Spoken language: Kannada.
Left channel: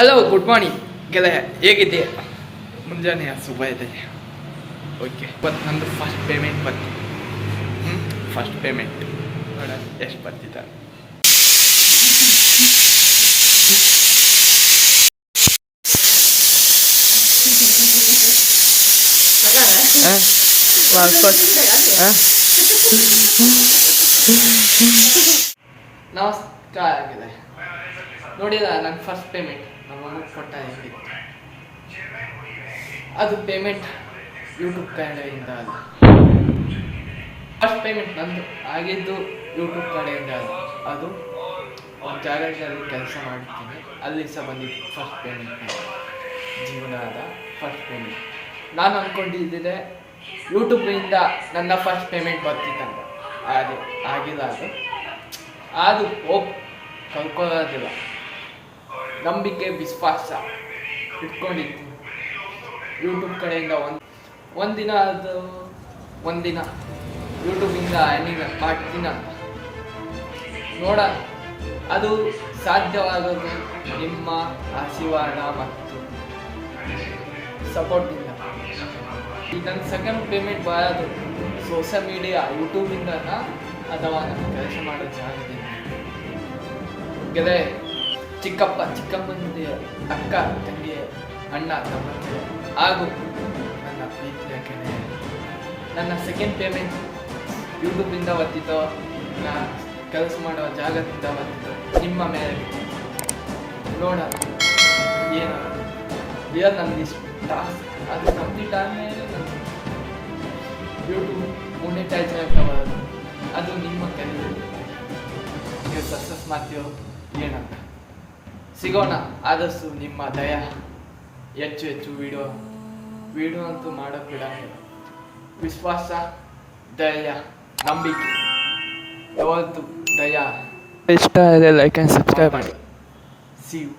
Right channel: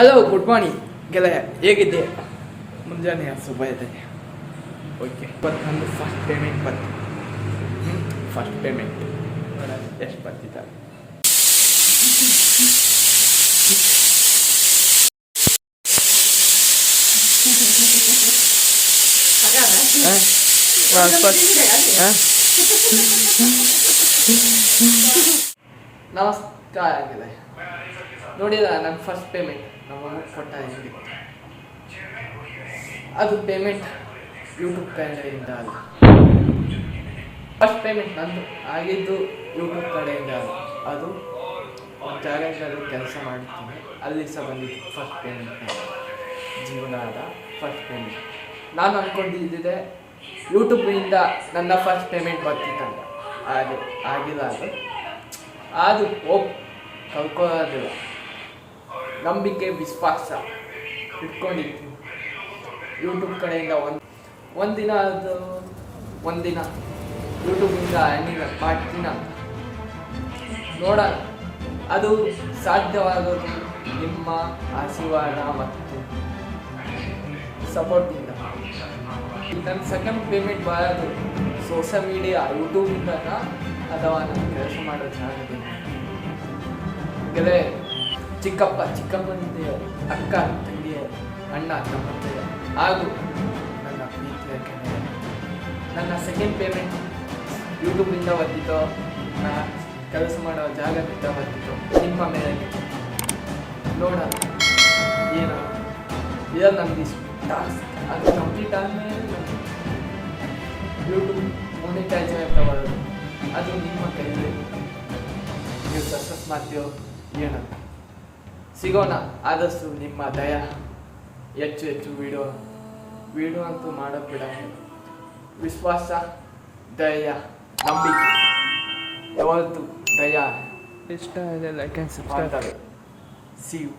ಹಲೋ, ಗುಡ್ ಮಾರ್ನಿಂಗ್ ಗೆಳೆಯ, ಹೇಗಿದ್ದೆ? ಮುಂಜಾನೆ ಶುಭ ಇದೆ. ಓಕೆ, ಇವತ್ತು ನಂದು ಫಸ್ಟ್ ಪೇಮೆಂಟ್ ಬಂತು. ಫಸ್ಟ್ ಪೇಮೆಂಟ್ ನೋಡೋಣ ಎಷ್ಟು ಬರ್ತಿದ್ದಾರೆ. ನಮಸ್ಕಾರ ಆಗಿದೆ. ನೋಡಿದ ನನ್ನ ಫಸ್ಟ್ ಪೇಮೆಂಟ್ ನಮ್ಮ ಅಮ್ಮ ಕೊಟ್ಟ ಹೆಂಗೆ. ಅದು ಪೇಮೆಂಟ್ ಯೂಟ್ಯೂಬ್ ಕಡೆಯಿಂದ ಅಲ್ಲ. ಫಸ್ಟ್ ಪೇಮೆಂಟ್ ನಂದು ಆಗಿದ್ದು ಯೂಟ್ಯೂಬ್ ಕಡೆಯಿಂದ ಅಲ್ಲ. ಅದು ಒಂದು ಜಾಗದಲ್ಲಿ ಕೆಲಸ ಮಾಡುತ್ತೀನಿ, ಅಲ್ಲಿ ಸಹ ಬಂದಿತ್ತು ಫಸ್ಟ್ ಪೇಮೆಂಟ್. ಜೀವನದ ಫಸ್ಟ್ ಪೇಮೆಂಟ್ ನಾನು ಅಂದ್ಕೊಂಡಿದ್ದೆ ಯೂಟ್ಯೂಬಿಂದ ನನ್ನ ಫಸ್ಟ್ ಪೇಮೆಂಟ್ ಬರ್ತಿತ್ತಂತ. ಅದೇ ಆಗಿಲ್ಲ. ಅದು ಹೋಪ್ ಕಳ್ಕೊಳ್ಳೋದಿಲ್ಲ. ನಂಬಿಕೆ, ವಿಶ್ವಾಸ ಇಟ್ಕೊಂಡಿದ್ದೀನಿ ಯೂಟ್ಯೂಬ್ ಕಡೆಯಿಂದ. ಒಂದಿನ ಯೂಟ್ಯೂಬಿಂದ ಅರ್ನಿಂಗ್ ಮಾಡ್ತೀನಿ ಅಂತ ನೋಡೋಣ. ಅದು ಸಾಧ್ಯವಾಗೋದು ನಿಮ್ಮ ಆಶೀರ್ವಾದ ಮತ್ತು ಸಪೋರ್ಟಿಂದ. ಈ ನನ್ನ ಸೆಕೆಂಡ್ ಪೇಮೆಂಟ್ ಬರೋದು ಸೋಷಿಯಲ್ ಮೀಡಿಯಾ ಯೂಟ್ಯೂಬಿಂದನಾ ಅಥವಾ ನಾನು ಕೆಲಸ ಮಾಡೋ ಜಾಗದಿಂದ. ಗೆಳೆಯ, ಚಿಕ್ಕಮ್ಮಂದಿ, ಅಕ್ಕ, ತಂಗಿ, ಅಣ್ಣ, ತಮ್ಮಂದಿರ ಹಾಗೂ ನನ್ನ ಪ್ರೀತಿಯ ಗೆಳೆಯ, ನನ್ನ ಸೆಕೆಂಡ್ ಪೇಮೆಂಟ್ ಯೂಟ್ಯೂಬಿಂದ ಬರ್ತಿತ್ತೋ ನಾ ಕೆಲಸ ಮಾಡುವ ಜಾಗದಿಂದ ಬರ್ತಿತ್ತು. ನಿಮ್ಮ ಮೇಲೆ ಬಿಟ್ಟು ನೋಡೋಣ ಏನು ನನಗೆ ಟಾಸ್ಕ್ ಅದು ಕಂಪ್ಲೀಟ್ ಆದಮೇಲೆ ನಾನು ಯೂಟ್ಯೂಬ್ ಮೊನಿಟೈಸ್ ಆಗ್ತಾ ಬರೋದು. ಅದು ನಿಮ್ಮ ಕೈಯಲ್ಲಿ. ನೀವು ಸಕ್ಸಸ್ ಮಾಡ್ತೀವೋ ಏನಂತ ಸಿಗೋಣ. ಆದಷ್ಟು ನಿಮ್ಮ ದಯ, ಹೆಚ್ಚು ವಿಡಿಯೋ ಅಂತೂ ಮಾಡೋಕ್ಕೆ ಬಿಡ. ವಿಶ್ವಾಸ, ದಯ, ನಂಬಿಕೆ ಯಾವತ್ತು ದಯ. ಇಷ್ಟ ಇದೆ ಲೈಕ್ ಆ್ಯಂಡ್ ಸಬ್ಸ್ಕ್ರೈಬ್ ಮಾಡಿ. See you.